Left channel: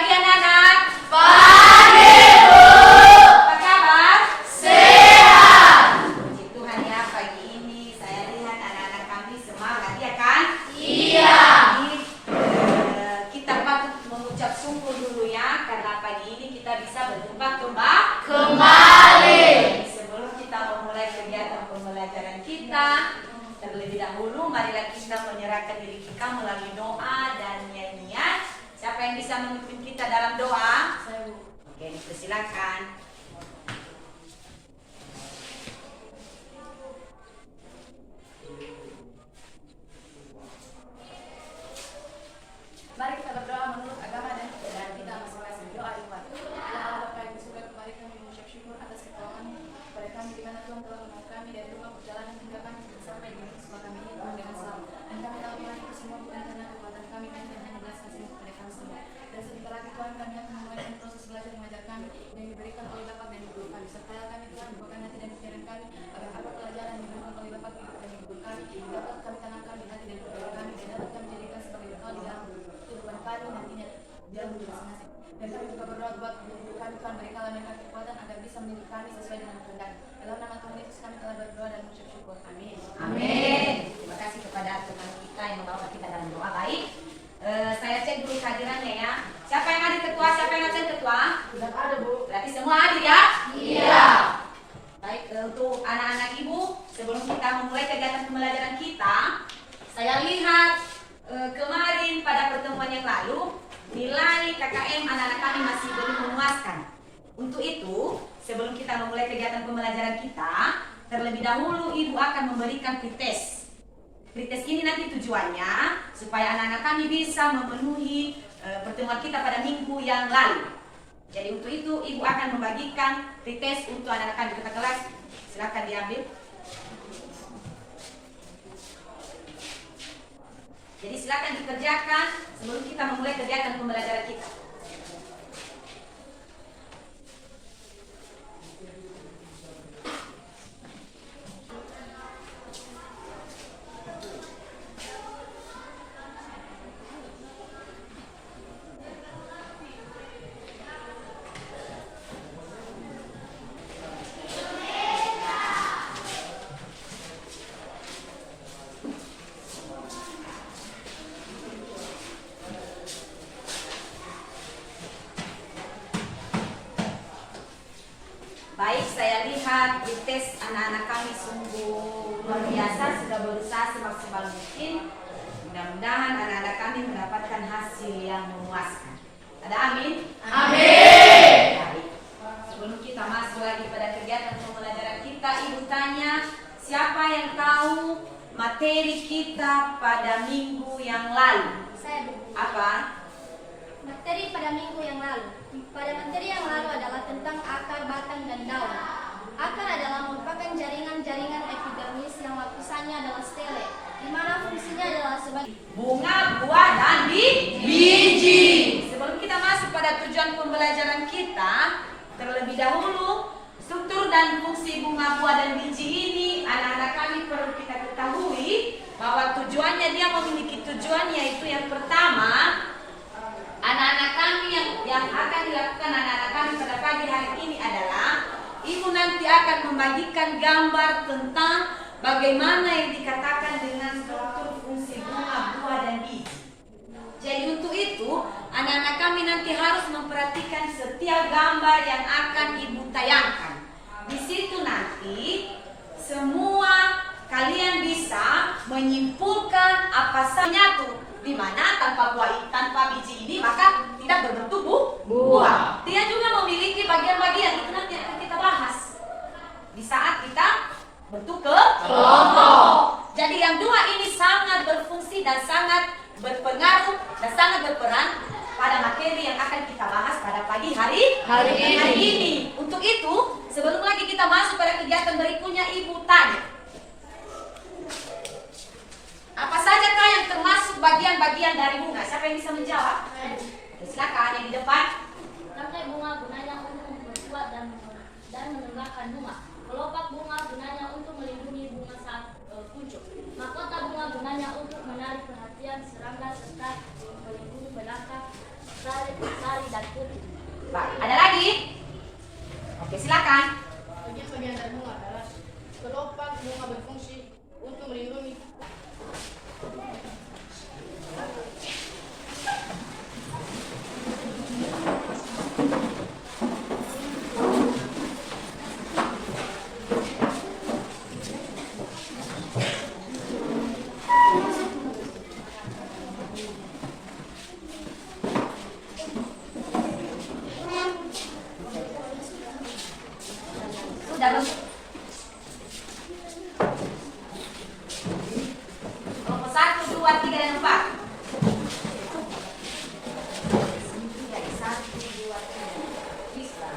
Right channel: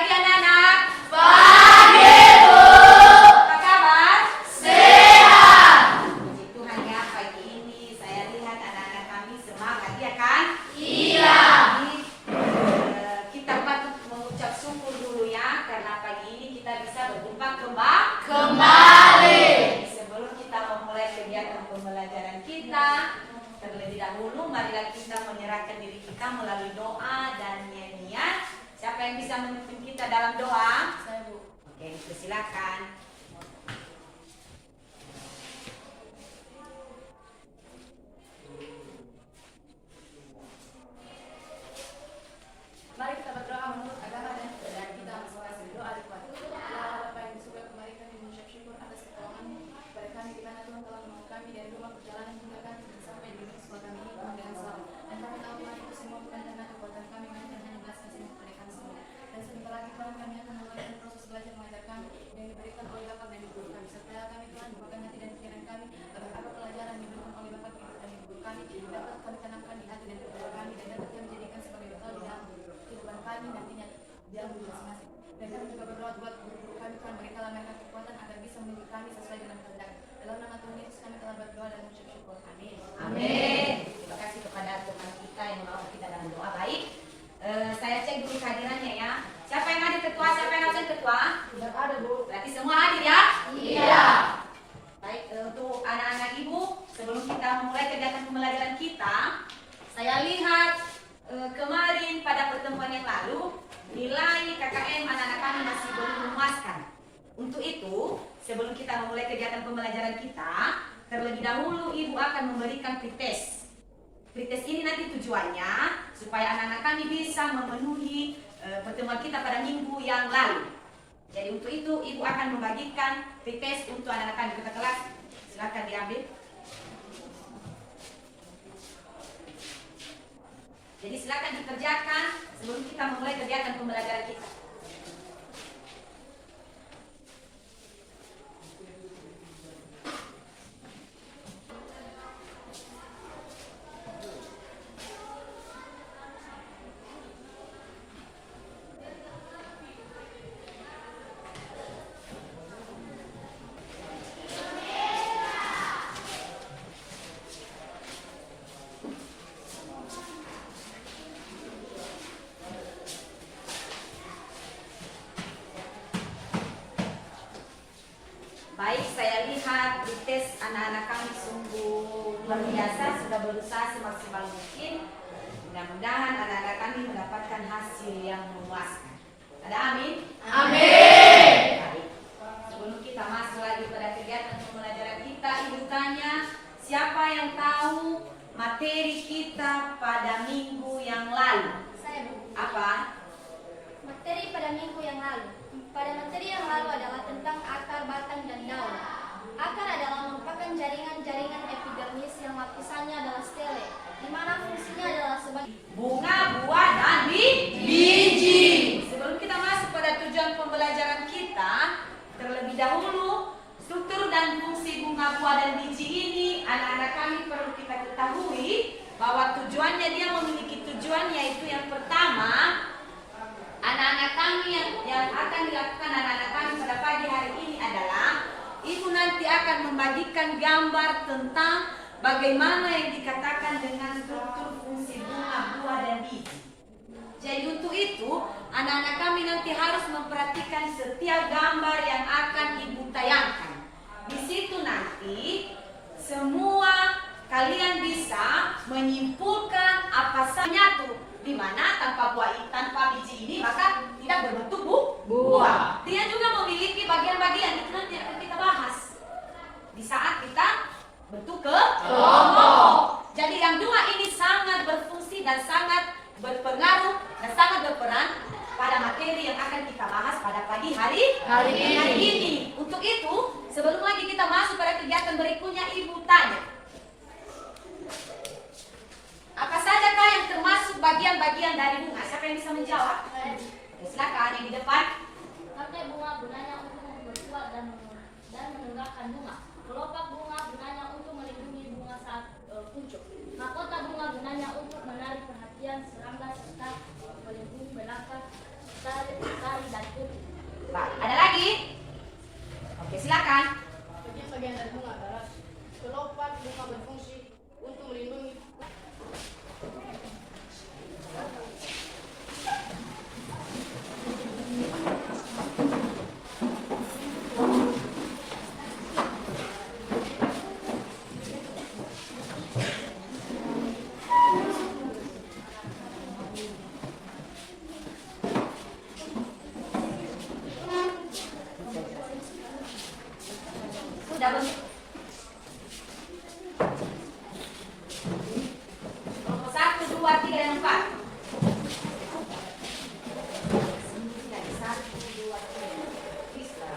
Pagi anak-anak. Pagi, Bu. Apa kabar? Sehat. Puji Tuhan ya, pagi ini saya lihat anak-anak kami semangat ya kan? Iya. Jadi, kita patut mengucap syukur dulu ya, karena pagi ini kita bisa berjumpa kembali. Sebelum kita memulai kegiatan pembelajaran kita, terlebih dahulu marilah kita menyerahkan diri kita melalui doa dan nyanyian. Siapa yang bisa memimpin kita dalam doa? Saya, Bu. Oke, dipersilakan. Mari kita berdoa menurut agama dan keadaan kita masing-masing. Doa dimulai. Ya Allah Bapa yang di surga, kembali kami mengucap syukur atas ketolongan kepada kami di mana Tuhan telah menolong kami dari rumah perjalanan hingga kami sampai di sekolah kami ini penuh dengan selamat. Dan kami tahu Tuhan itu semua bukan karena kekuatan kami, melainkan hanya belas kasih kepada kami semua. Dan sebentar lagi Tuhan kami akan memulai proses belajar mengajar kami yang diberikan oleh Bapa dan Ibu kami. Sertalah kami Tuhan, bukakan hati dan pikiran kami agar apa pelajaran yang diberikan oleh Bapa dan Ibu kami dapat kami tanamkan di hati dan pikiran kami dan dapat kami jadikan sebagai bekal di dalam kehidupan kami nantinya dalam hidup masing-masing. Dan kami juga berdoa buat guru kami Tuhan, berikanlah mereka kekuatan agar bisa mendidik kami sesuai dengan kehendak. Dalam nama Tuhan Yesus kami telah berdoa dan mengucap syukur. Amin. Amin. Terima kasih kepada teman kita yang membawa kita dalam doa. Baik, saya cek dulu kehadirannya ya. Siapa yang hadir ketua? Siapa yang absen ketua? Tidak ada, Bu. Berarti semua hadir ya? Iya. Baik, untuk anak-anak ibu, sebelum kita memulai kegiatan pembelajaran kita, saya lihat kemarin pada pertemuan yang lalu nilai KKM anak-anak kami masih belum memuaskan. Untuk itu, sebelum kita memulai kegiatan pembelajaran kita, terlebih dahulu ibu akan memberikan pretest. Pretest ini nanti tujuannya supaya anak-anak kami bisa memenuhi pertemuan kita pada minggu yang lalu. Jadi untuk itu ibu akan membagikan pretest untuk anak-anak kami ke kelas. Silakan diambil. Jadi silakan dikerjakan sebelum kita memulai kegiatan pembelajaran kita. Baik, saya lihat pretest anak-anak kami sungguh luar biasa, sudah berusaha semaksimal mungkin. Mudah-mudahan anak-anak kami mendapatkan hasil yang memuaskan. Ada amin? Amin. Baik. Sebelum kita masuk lagi pada kegiatan pembelajaran kita, ibu tanya, siapa yang tahu materi kita pada minggu yang lalu? Saya, Bu. Apa? Materi pada minggu yang lalu. Pada materi yang lalu adalah tentang akar, batang, dan daun. Akar adalah merupakan jaringan-jaringan epidermis yang lapisannya adalah stele, di mana fungsinya adalah sebagai Bunga, buah, dan biji. Sebelum kita masuk pada tujuan pembelajaran kita, terlebih dahulu struktur dan fungsi bunga, buah, dan biji ini anak-anak kami perlu kita ketahui bahwa tujuannya, dia memiliki tujuan, yaitu yang pertama, anak-anak kami yang akan dilakukan anak-anak kami pada pagi hari ini adalah ibu nanti akan membagikan gambar tentang bagaimana yang dikatakan dengan struktur fungsi bunga, buah, dan biji. Jadi untuk itu anak-anak kami nanti harus memperhatikan setiap gambar yang akan ibu tayangkan. Di situ nanti semua kalian bisa menyimpulkan apa saja tuh, di mana tanpa buah, tanpa biji ini maka tidak berbentuk buah. Dia juga memiliki bagian-bagian, itu nanti akan kita bahas di saat kita bentuk kelompok. Jadi yang dua ini sangat berfungsi dan sangat berpengaruh dan sangat berperan pada materi yang akan kita bahas pada pagi hari ini. Untuk itu, sebelum lagi kita masuk pada kegiatan berikutnya, ibu tanya, apa saja kah yang termasuk bagian-bagian dari bunga? Siapa yang bisa menjawab? Silakan yang di depan. Rantai bunga gunanya untuk memperkuat dan menegakkan bunga. Kelopak bunga gunanya untuk melindungi bunga saat kuncup. Mahkota bunga gunanya untuk menarik perhatian serangga serta melindungi belakang, tari dan bagian dari bunga adalah kelopak bunga berfungsi untuk melindungi. Sudah belum? Kelompok 1, 2, 3, dan 4. Jadi 1, 2, 3. Bisa.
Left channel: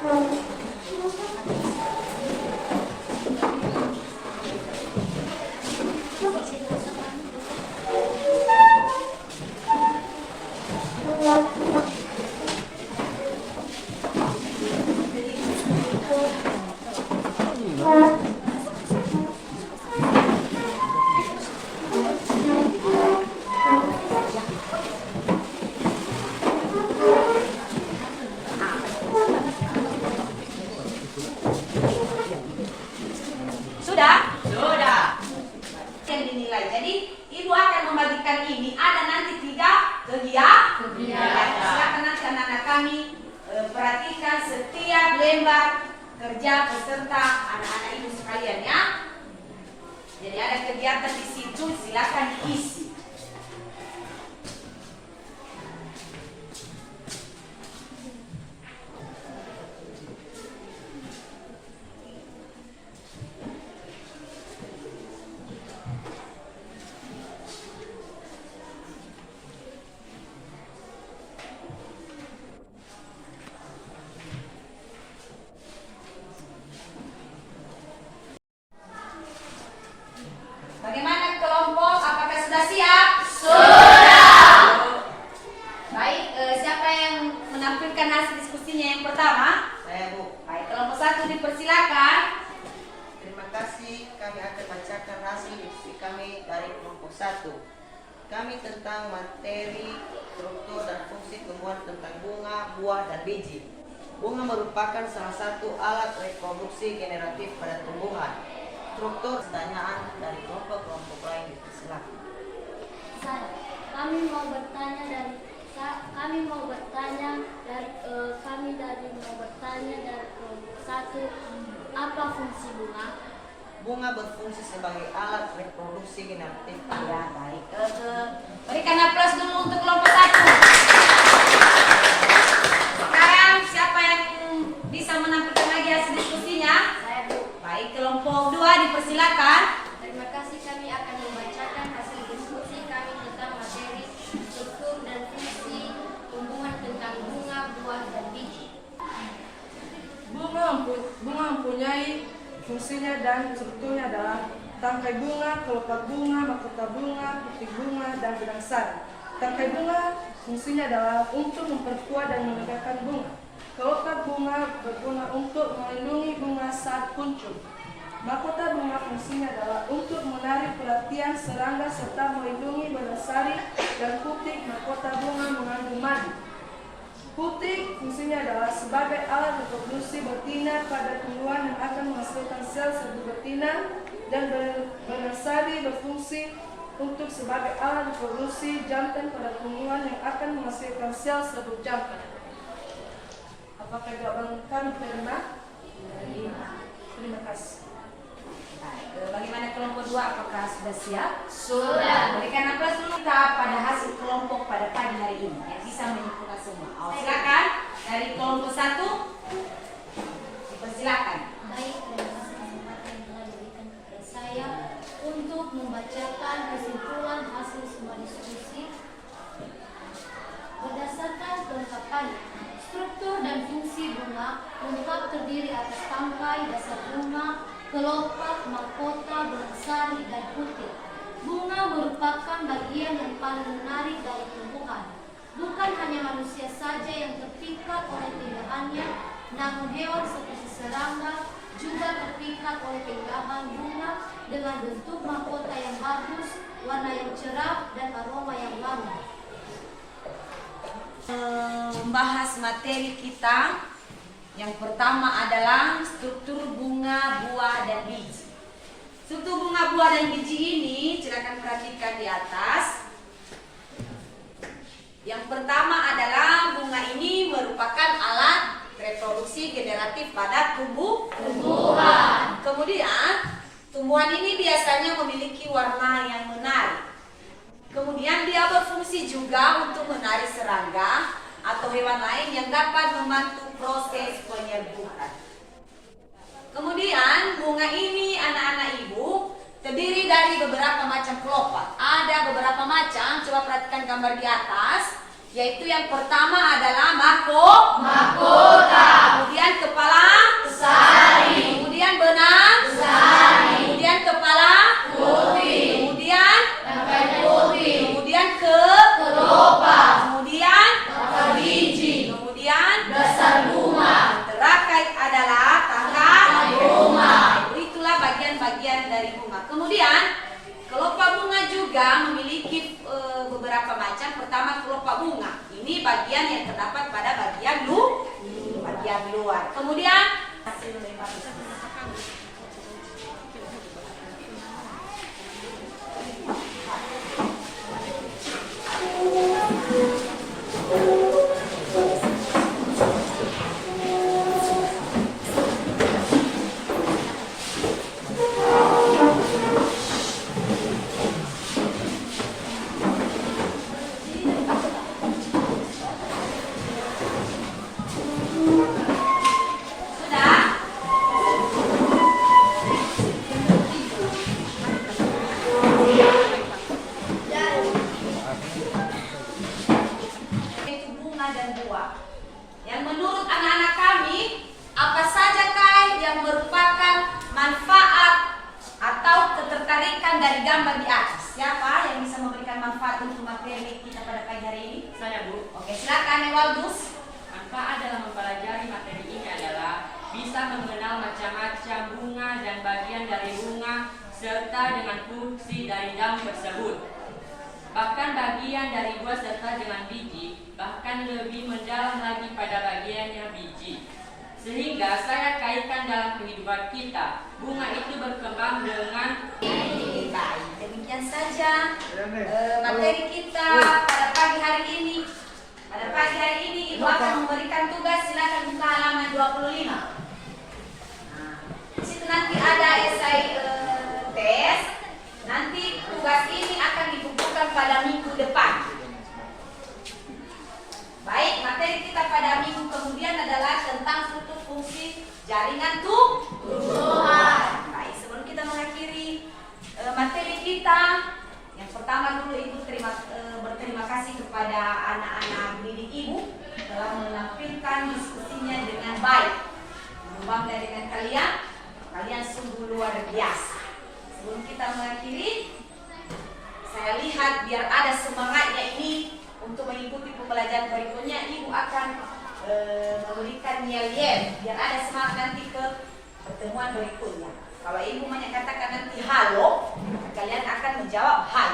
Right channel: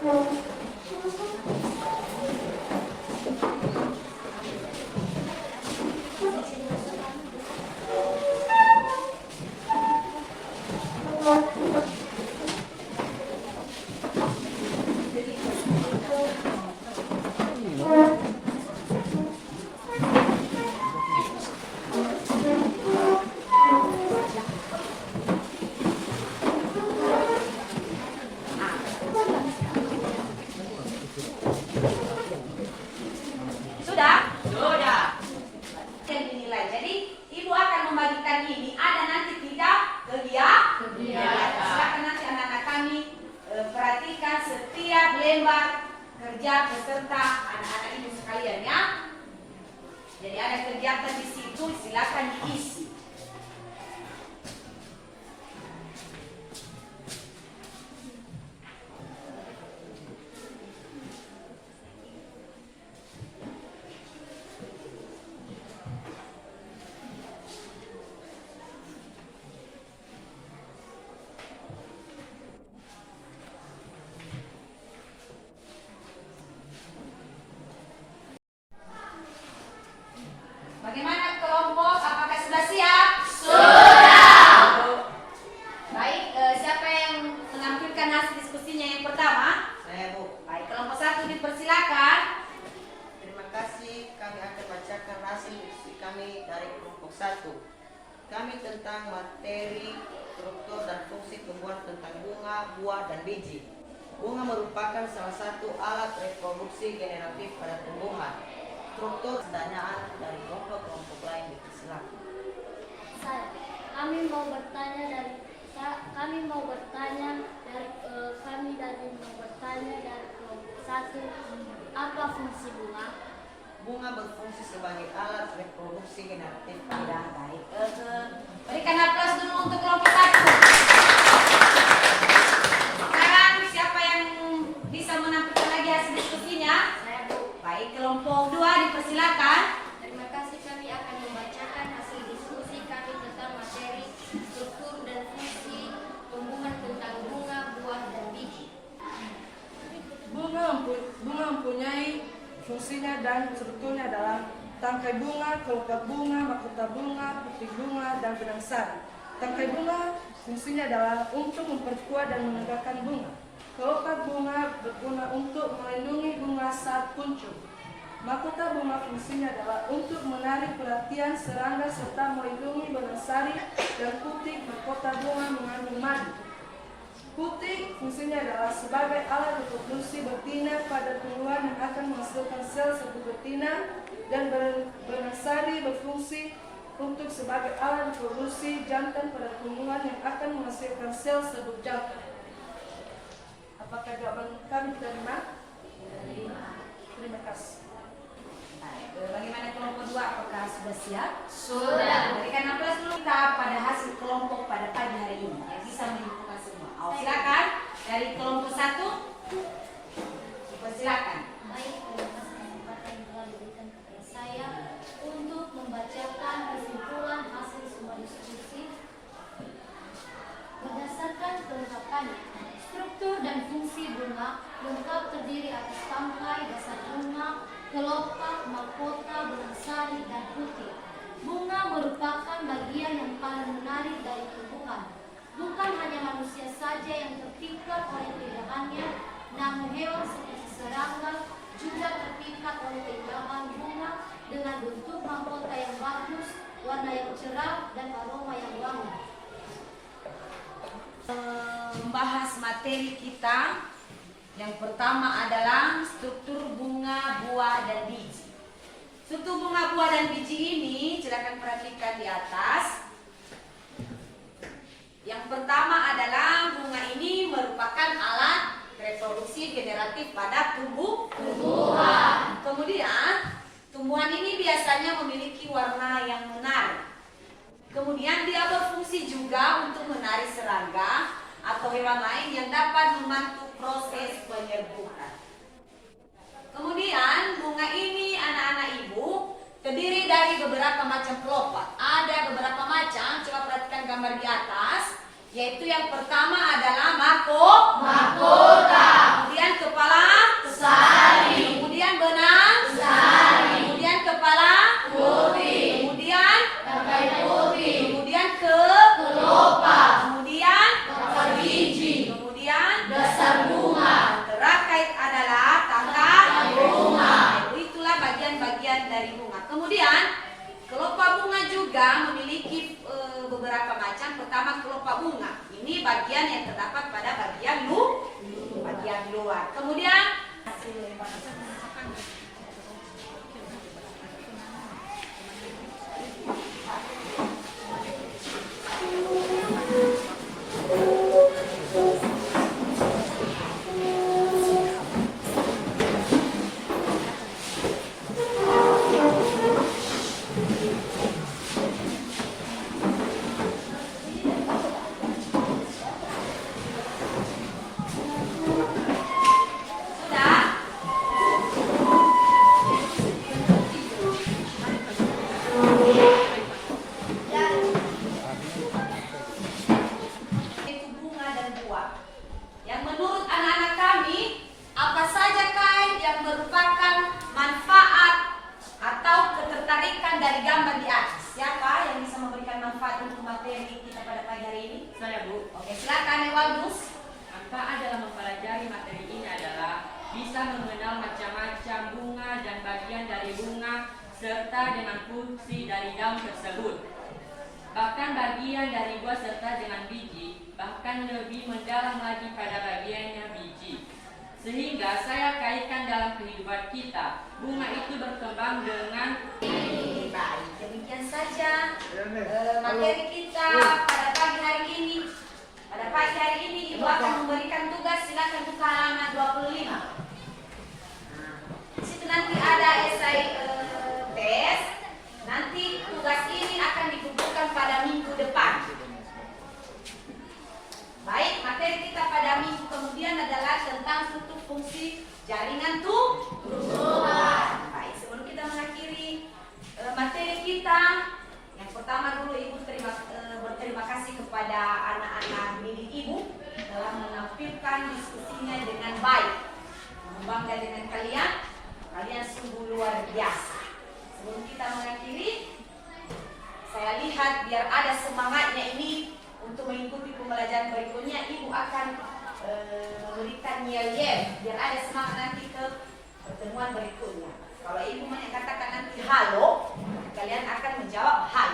Sudah? Sudah. Yang dinilai. Jadi ibu akan membagikan ini. Ada nanti 3 kegiatan. Silakan nanti anak-anak kami perhatikan setiap lembar kerja peserta anak-anak ibu sekalian ya. Jadi ada kegiatan di situ, silakan diisi. Bagaimana kelompok? Apakah sudah siap? Sudah. Baik, siapa yang menampilkan hasil diskusinya yang pertama? Saya, Bu. Baik, kelompok 1 dipersilakan. Terima kasih. Kami akan bacakan hasil diskusi kami dari kelompok 1. Kami tentang materi, struktur, dan fungsi tumbuhan tentang bunga, buah, dan biji. Bunga merupakan salah satu alat reproduksi generatif pada tumbuhan. Struktur pertanyaan dari kelompok-kelompok lain dipersilakan. Kami mau bertanya dari kelompok 1, apa fungsi bunga? Bunga berfungsi sebagai alat reproduksi generatif. Ya, baik. Berikan aplaus dulu untuk kelompok 1. Sekarang siapa yang bisa menampilkan lagi hasil diskusinya? Saya, Bu. Baik, kelompok 2 dipersilakan. Terima kasih, kami akan membacakan hasil diskusi kami tentang materi, struktur, dan fungsi tumbuhan tentang bunga, buah, dan biji. Bunga mempunyai fungsinya dan strukturnya adalah tangkai bunga, kelopak bunga, mahkota bunga, putih bunga, dan benang sari. Tangkai bunga fungsinya adalah untuk memperkuat dan menegakkan bunga. Kelopak bunga berguna untuk melindungi bunga saat kuncup. Mahkota bunga fungsinya adalah untuk menarik perhatian serangga serta melindungi benang sari, dan putih mahkota bunga mengandung madu. Putih fungsinya adalah sebagai alat reproduksi betina pada tumbuhan yang akan menghasilkan sel serbuk betina, dan benang sari berfungsi untuk sebagai alat reproduksi jantan pada tumbuhan yang akan menghasilkan sel serbuk jantan. Apakah jawaban kami terima? Terima kasih. Baik, bagaimana kelompok 2? Apakah sudah siap? Sudah. Berikan aplaus dulu kita pada hasil kelompok pada pagi hari ini yang bisa menyimpulkan semua. Silakan dari kelompok 1 dipersilakan. Baik, terima kasih kesempatan yang telah diberikan kepada saya untuk membacakan kesimpulan hasil semua diskusi. Berdasarkan kelengkapannya, struktur dan fungsi bunga lengkap terdiri atas tangkai, dasar bunga, kelopak, mahkota, benang sari, dan putih. Bunga merupakan bagian yang paling menarik dari tumbuhan. Bukan hanya manusia saja yang terpikat oleh keindahannya, namun hewan seperti serangga juga terpikat oleh keindahan bunga dengan bentuk mahkota yang bagus, warna yang cerah, dan aroma yang wangi. Membahas materi kita yang pertama adalah struktur bunga, buah, Struktur bunga, buah, dan biji ini silakan perhatikan di atas. Yang pertama adalah bunga ini merupakan alat reproduksi generatif pada tumbuhan. Kemudian tumbuhan ini biasanya memiliki warna yang menarik. Kemudian dia berfungsi juga untuk menarik serangga atau hewan lain yang dapat membantu proses penyerbukan. Kemudian bunga ini anak-anak ibu terdiri dari beberapa macam kelopak. Ada beberapa macam, coba perhatikan gambar di atas. Yaitu yang pertama adalah mahkota. Kemudian kepala sari. Kemudian benang sari. Kemudian kepala putih. Kemudian tangkai putih. Kemudian kelopak. Kemudian biji. Kemudian dasar bunga. Terakhir adalah tangkai bunga. Itulah bagian-bagian dari bunga. Kemudian kelopak bunga juga memiliki beberapa macam. Pertama, kelopak bunga. Ini bagian yang terdapat pada bagian luar. Kemudian dari gambar di atas. Siapa yang bisa memberikan manfaat untuk materi kita pada pagi hari ini? Saya, Bu. Oke, silakan Ewaldus. Manfaat dalam mempelajari materi ini adalah bisa mengenal macam-macam bunga dan bagian dari bunga serta dengan fungsi dari daun tersebut. Bahkan bagian dari buah serta dengan biji, bahkan lebih mendalam lagi pada bagiannya biji. Sehingga saya kaitkan dalam kehidupan kita, bunga itu berkembang dengan Baik, demikian saja materi kita pada pagi hari ini. Pada pagi hari ini Ibu akan memberikan tugas, silakan buka halaman 25. Nah, di situ nanti ada esai tes. Nanti tugas ini akan dikumpulkan pada minggu depan. Baik, materi kita pada minggu kemudian adalah tentang struktur fungsi jaringan tumbuhan. Baik, sebelum kita mengakhiri materi kita, yang pertama dulu Ibu berterima kasih kepada anak-anak didik Ibu telah menampilkan diskusinya dengan baik. Bangga dengan kalian, kalian sungguh luar biasa. Sebelum kita mengakhiri, saya lihat biar ada semangatnya ini untuk mengikuti pembelajaran berikutnya, Ibu akan memberikan yel-yel biar ada semangat nanti ke pertemuan berikutnya. Kalau Ibu menyatakan nanti halo, kalian akan menjawab hai.